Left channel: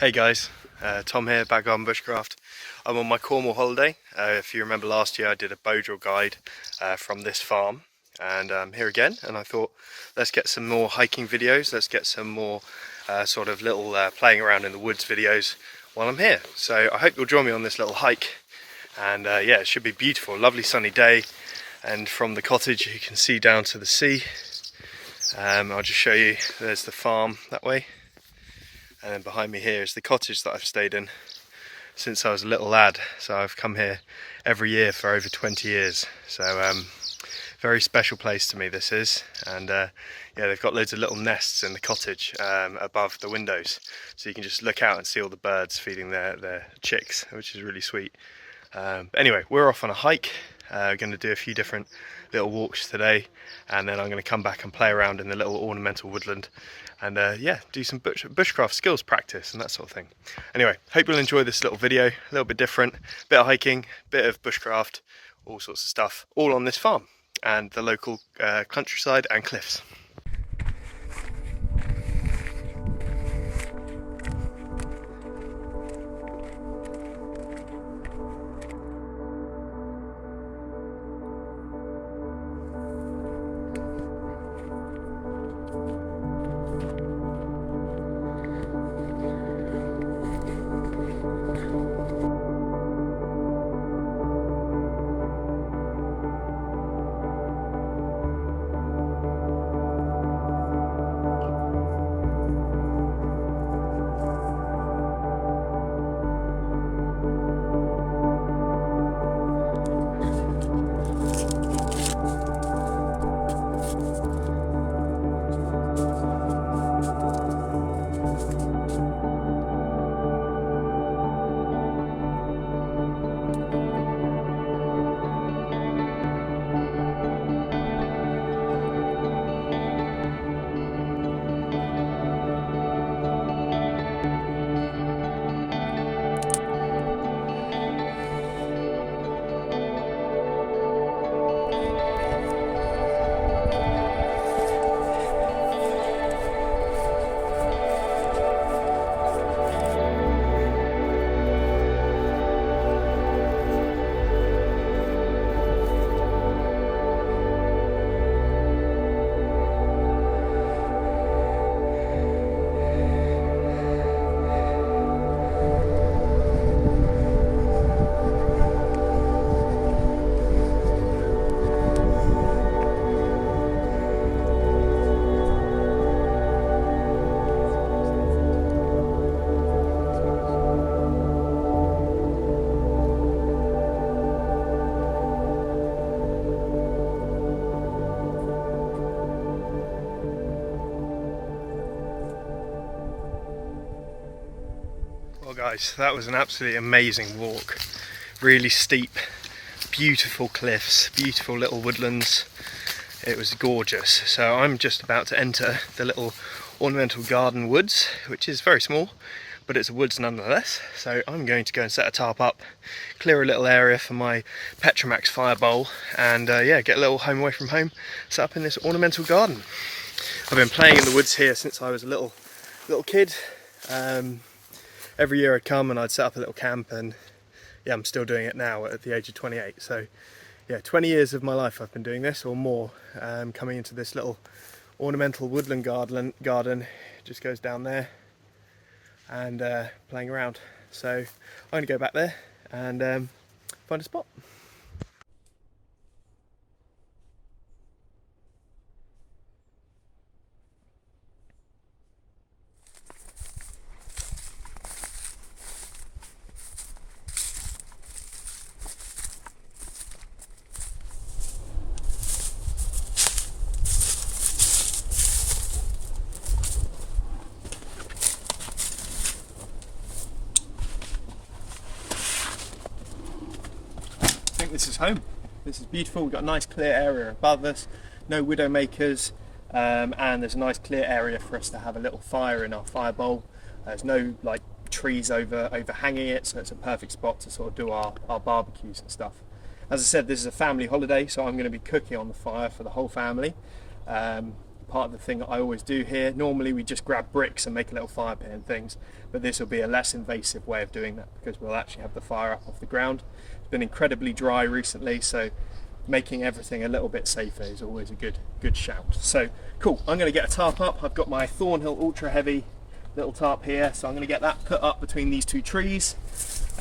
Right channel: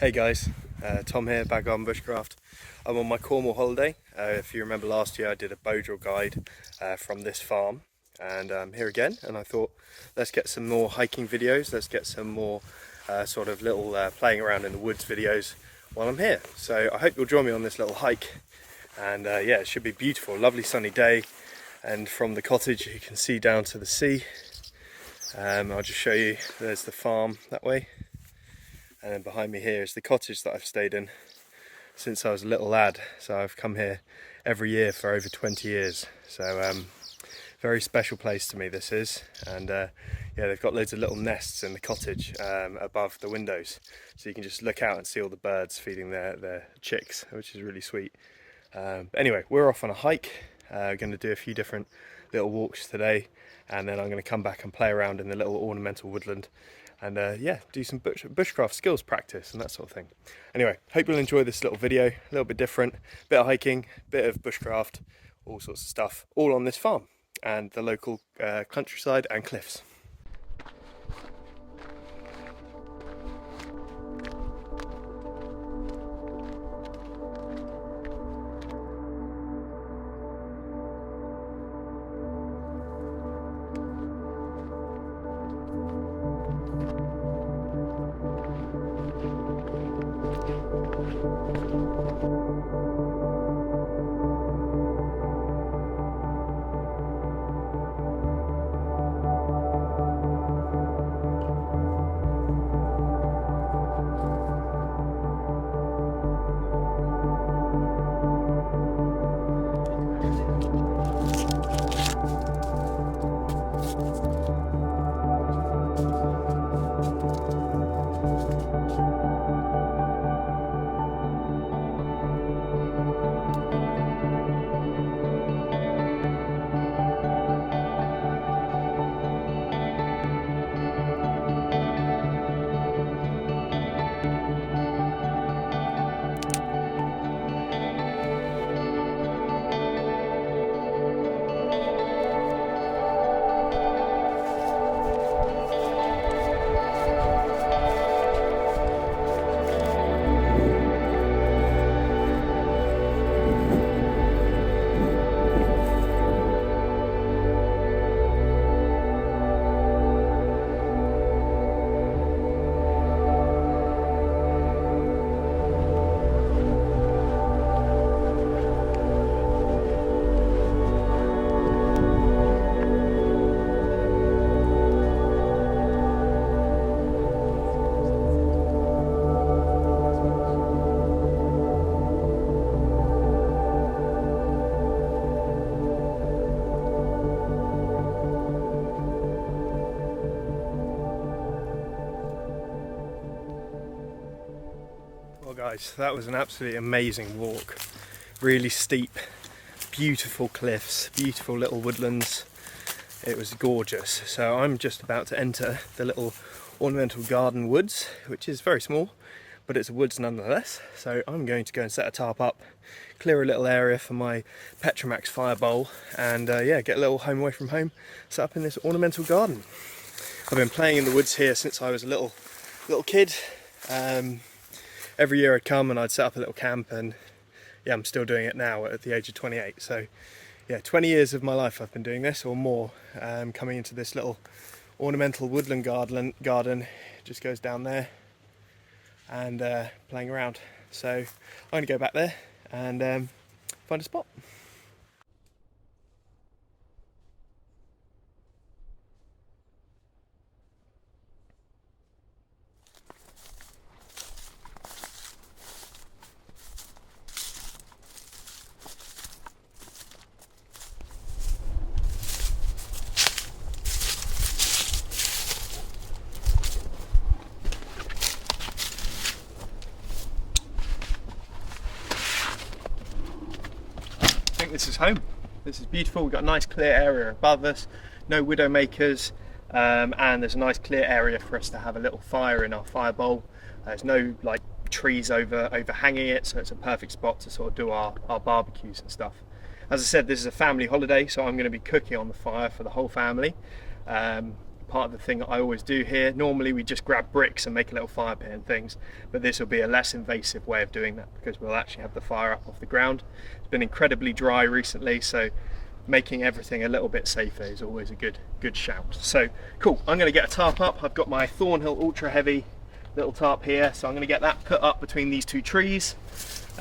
Hey guys, Tom here, Baggarden Bushcraft. I'm on my Cornwall holiday. If you remember last year I did a bow drill guide from this farm, and I'm here again, and I thought let's get some more hiking videos, let's get some more sort of little playing around in the woods videos while I'm here. So I hope you'll join me on this little hike, and yeah, it should be beautiful, lovely sunny day, and from the cottage you can see down to the sea. I'll just show you, there's the farm that way. And then behind me here is the cottage that I've stayed in since I was a little lad. So I've come here every year for over 20 years. So very special place to me this is. And yeah, they've got loads of little nests in the cottage above the windows. So you can just look out and see all the birds feeding their chicks, which is really sweet. Anyway, we're off on a hike. We're going to do a few different little walks today. And then I'm going to come back and play around in the little ornamental woodland. And yeah, do some bushcraft skills practice and that sort of thing. Anyway, hope you'll enjoy this little video, a little bit different, bit of hiking, bit of bushcraft, all sorts of stuff, all on this farm and the local countryside and cliffs. Well guys, that was an absolutely amazing walk. Really steep, beautiful cliffs, beautiful little woodlands. It was gorgeous. So I'm just about to enter the little ornamental garden woods, which is very small, but it's a woods nonetheless. So I'm going to go and set a tarp up, clear a little area for my Petromax fire bowl, and yeah, get a little home away from home, set up in this ornamental garden. I've been playing in the woods here since I was a little kid. Every year I'd come and I'd set up a little camp, and yeah, I'm still doing it now at the age of 28. So yeah, 20 years of my life I've been doing this or more, coming into this little ornamental woodland garden. Just goes down there and playing around. So I'm going to go back there and find a spot. I think this is home. This is beautiful. We've got a nice clear area above us, no widowmakers, and there's a nice clear area for us to have a little fire in our fire bowl. There's no like trees overhanging it, so it's a perfect spot to sort of do our barbecues and stuff. As I said, this is a family holiday, so I'm going to be cooking on the fire for the whole family. part of the thing that I always do here. Normally we just grab bricks and make a little fire pit and things, but this will be a less invasive way of doing that because we'll actually have the fire up off the ground. It's been incredibly dry recently, so making everything a little bit safer is always a good shout. So cool, I'm going to get a tarp up. I've got my Thornhill Ultra Heavy little tarp here, so I'm going to get that put up between these two trees.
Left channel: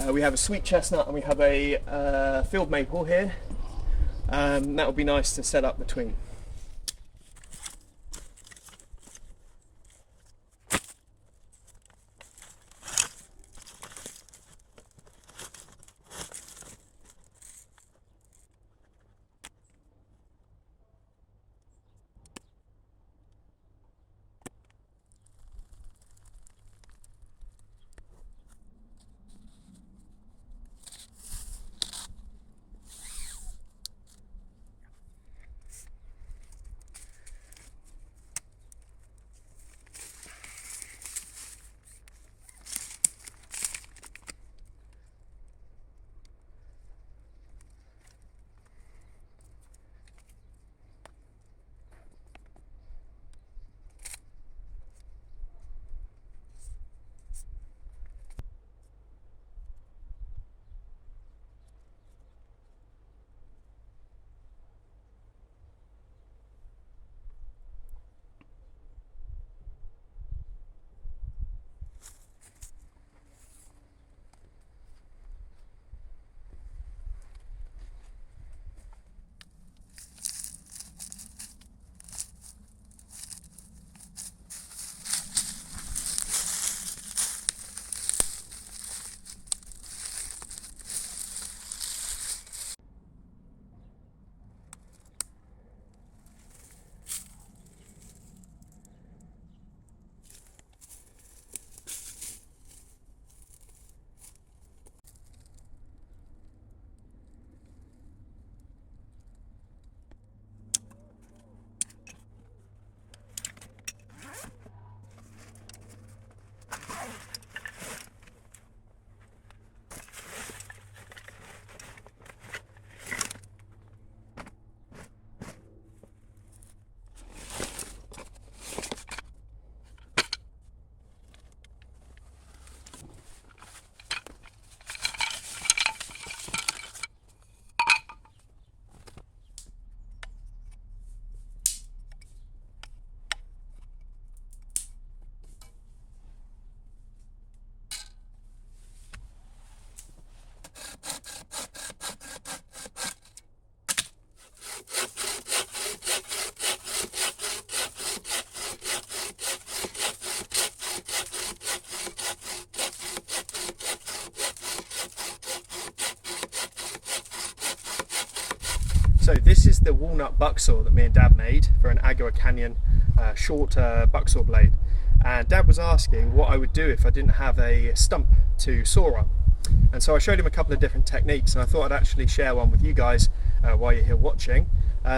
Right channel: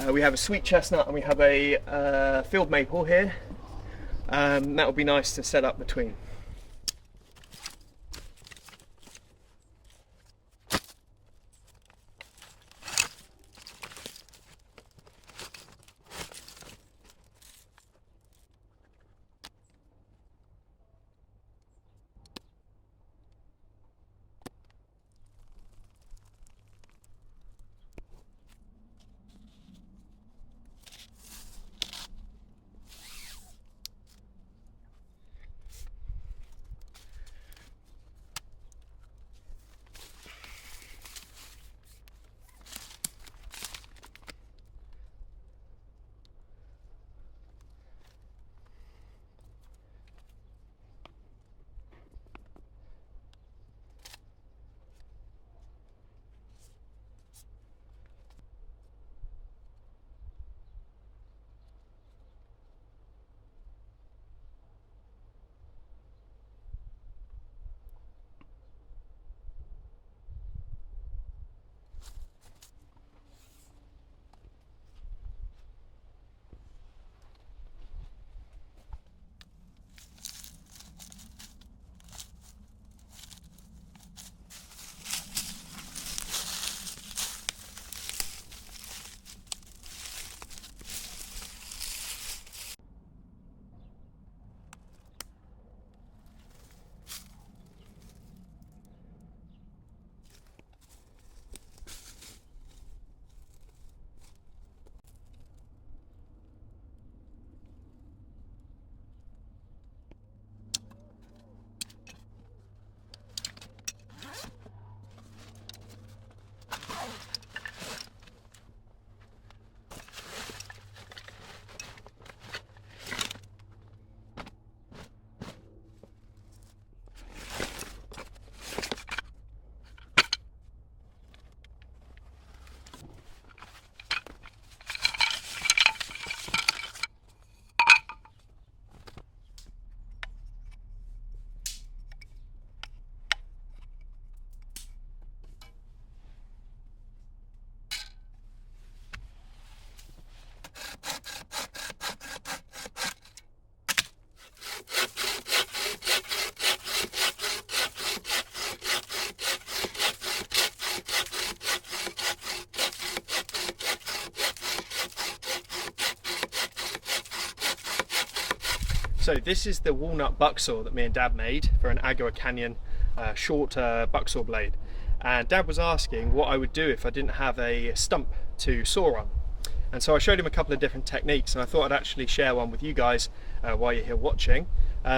We have a sweet chestnut and we have a field maple here. That would be nice to set up between. So this is the walnut bucksaw that me and Dad made for an Agua Canyon short bucksaw blade. And Dad was asking what I would do if I didn't have a stump to saw on. And so I showed him a couple of different techniques, and I thought I'd actually share one with you guys while you're here watching.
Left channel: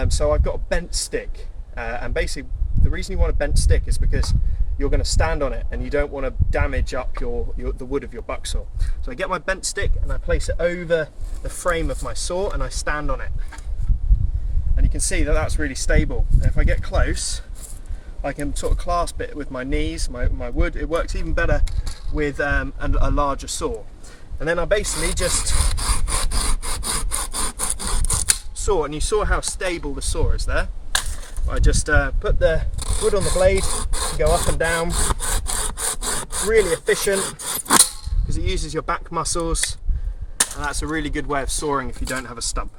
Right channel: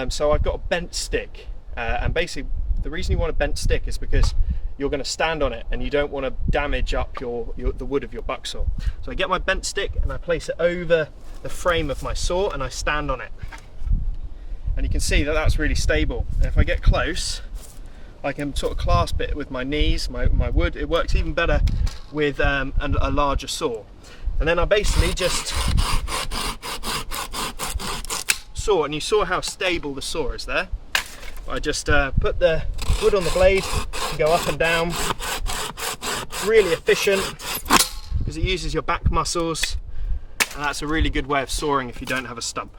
So I've got a bent stick, and basically the reason you want a bent stick is because you're going to stand on it and you don't want to damage up the wood of your bucksaw. So I get my bent stick and I place it over the frame of my saw and I stand on it. And you can see that that's really stable. And if I get close, I can sort of clasp it with my knees, my wood. It works even better with a larger saw. And then I basically just saw, and you saw how stable the saw is there. I just put the wood on the blade and go up and down. Really efficient because it uses your back muscles, and that's a really good way of sawing if you don't have a stump.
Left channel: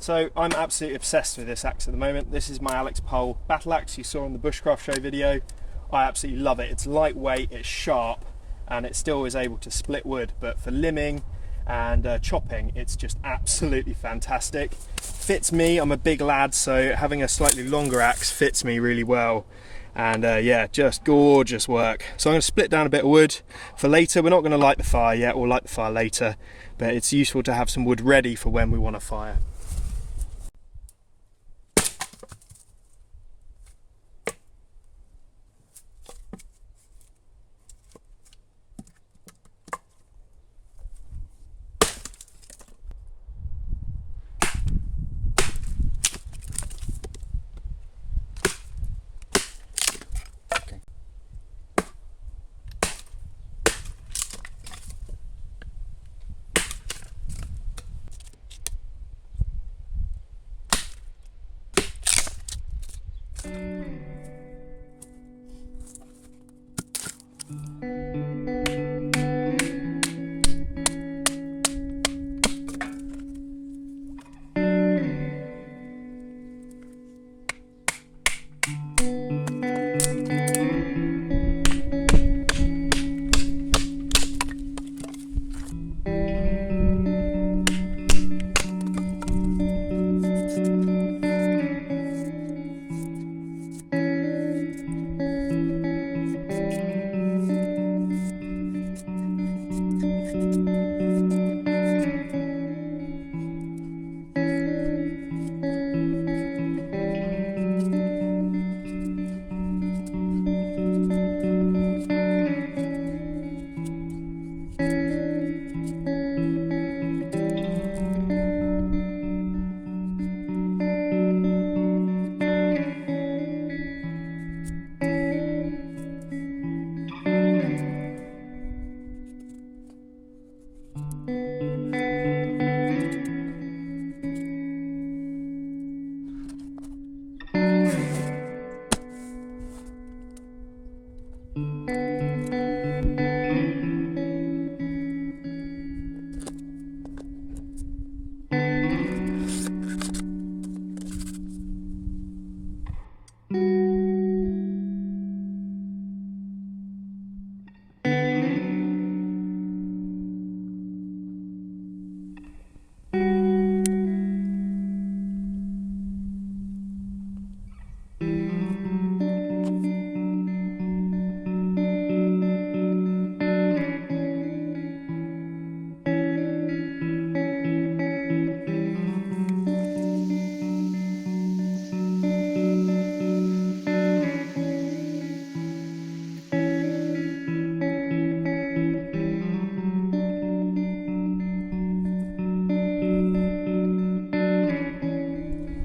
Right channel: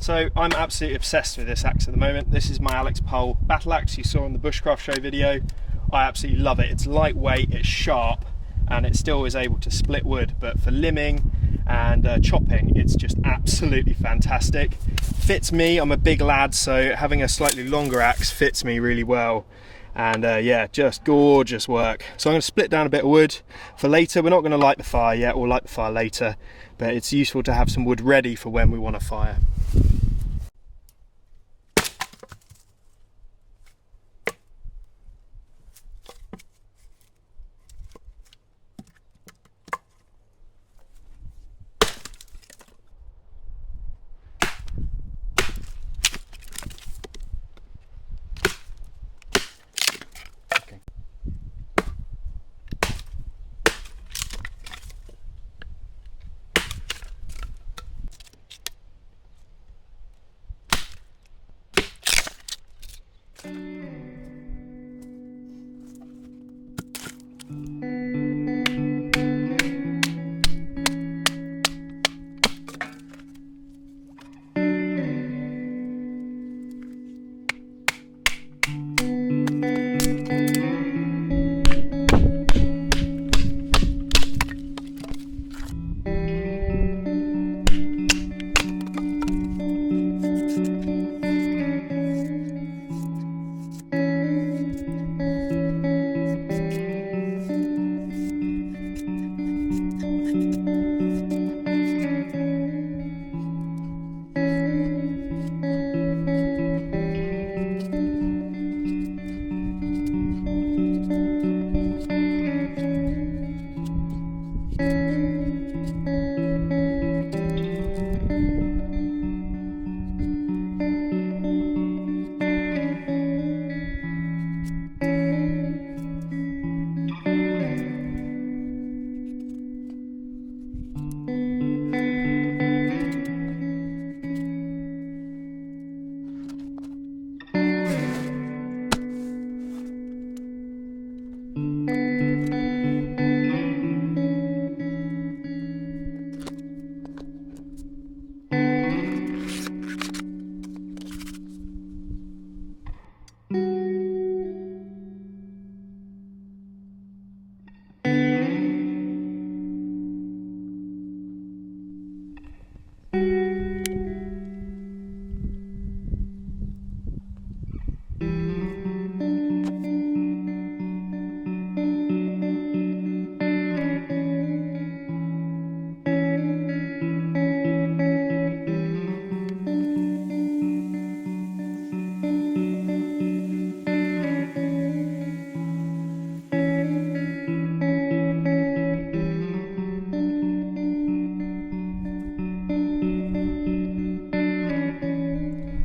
So I'm absolutely obsessed with this axe at the moment. This is my Alex Pole battle axe you saw in the Bushcraft Show video. I absolutely love it. It's lightweight, it's sharp, and it still is able to split wood, but for limbing and chopping, it's just absolutely fantastic. Fits me, I'm a big lad, so having a slightly longer axe fits me really well. And yeah, just gorgeous work. So I'm going to split down a bit of wood for later. We're not going to light the fire yet, we'll light the fire later, but it's useful to have some wood ready for when we want to fire.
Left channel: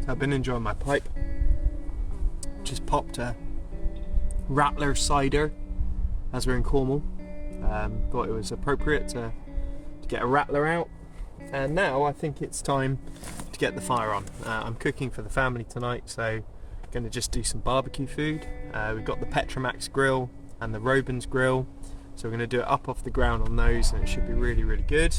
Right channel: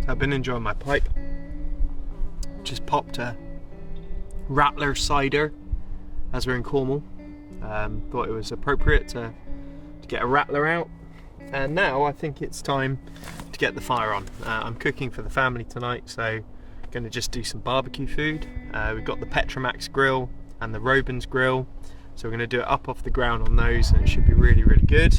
I've been enjoying my pipe. Just popped a Rattler cider as we're in Cornwall. Thought it was appropriate to get a Rattler out, and now I think it's time to get the fire on. I'm cooking for the family tonight, so going to just do some barbecue food. We've got the Petromax grill and the Robins grill, so we're going to do it up off the ground on those, and it should be really, really good.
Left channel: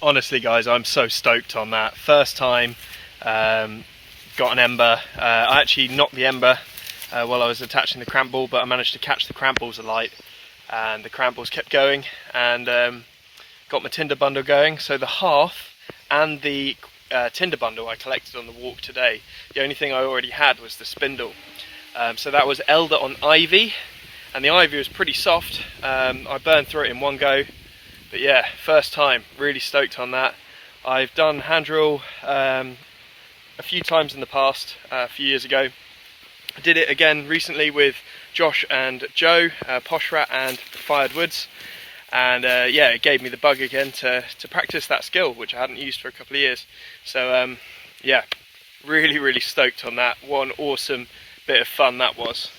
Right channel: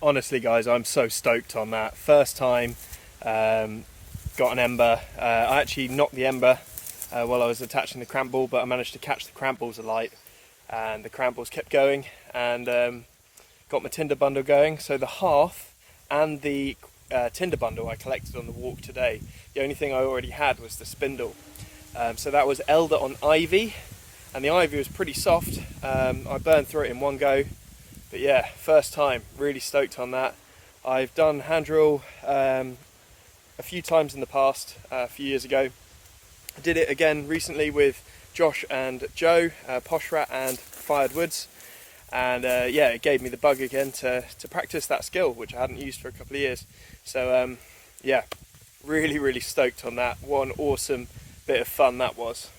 honestly guys, I'm so stoked on that. First time, got an ember. I actually knocked the ember while I was attaching the cramp ball, but I managed to catch the cramp balls alight, and the cramp balls kept going, and got my tinder bundle going. So the half and the tinder bundle I collected on the walk today. The only thing I already had was the spindle. So that was elder on ivy, and the ivy was pretty soft. I burned through it in one go, but yeah, first time, really stoked on that. I've done hand drill a few times in the past, a few years ago. I did it again recently with Josh and Joe, Poshrat and Fired Woods, and yeah, it gave me the bug again to practice that skill, which I hadn't used for a couple of years. So yeah, really stoked on that. What an awesome bit of fun that was.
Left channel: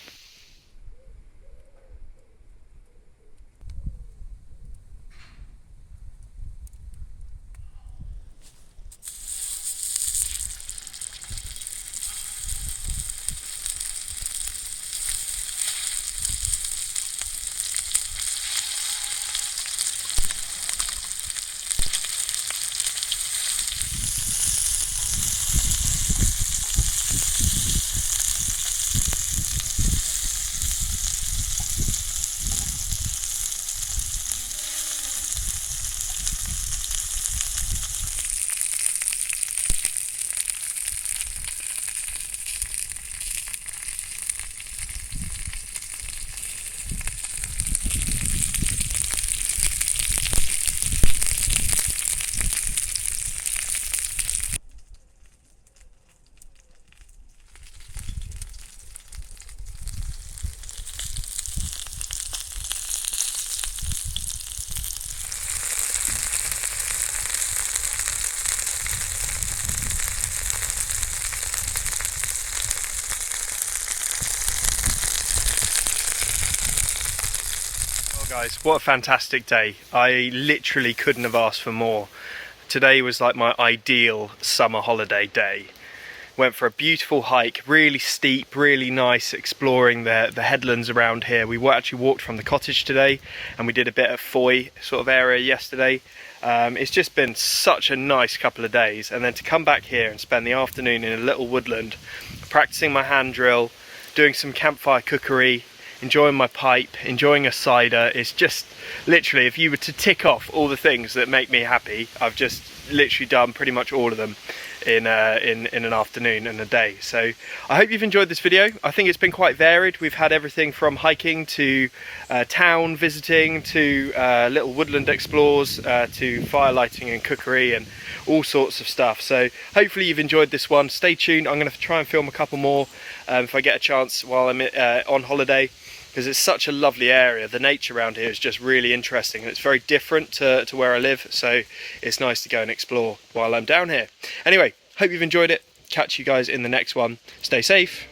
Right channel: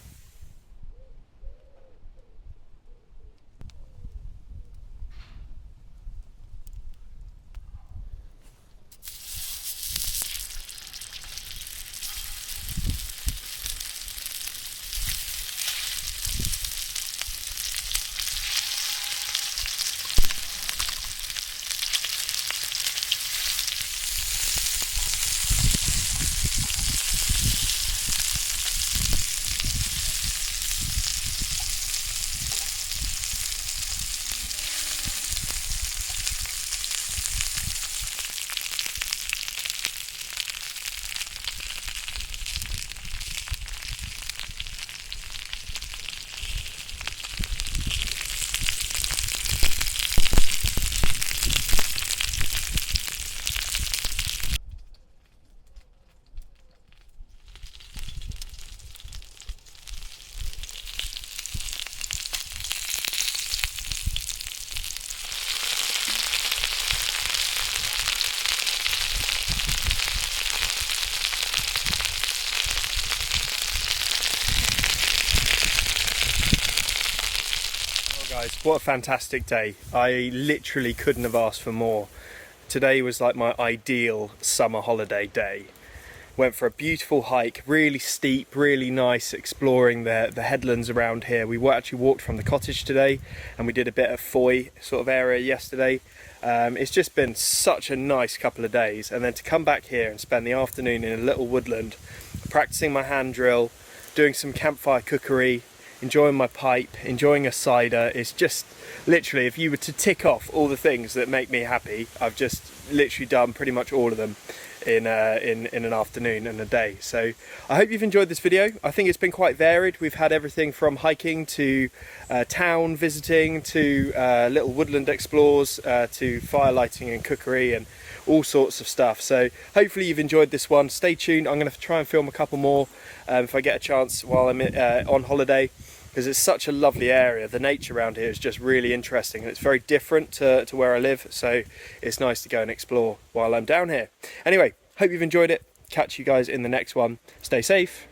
Guys, what a fantastic day. I literally couldn't have asked for more. Today was like my ideal summer holiday day. Went for a beautiful hike, really steep, really nice, exploring the headlands around here. We actually walked from the cottage today, and we did a bit of Foy sort of area yesterday. It's just been such a nice couple of days, and then to come back here and spend the afternoon in a little woodland, practicing my hand drill, doing some campfire cookery, enjoying my pipe, enjoying a cider. It's just literally, if you were to tick off all the things that make me happy, I've just literally done pretty much all of them in an afternoon and a day. So I hope you've enjoyed this video. I think it's been quite varied. We've had everything from hiking to town visiting to little woodland explores to fire lighting and cookery and all sorts of stuff. So hopefully you've enjoyed this one. Stay tuned. I'm going to try and film a couple more if I get a chance while I'm on holiday, because it's such a lovely area. The nature around here is just really interesting, and it's very different to where I live, so it's nice to go and explore while I'm down here. Anyway, hope you've enjoyed it. Catch you guys in the next one. Stay safe.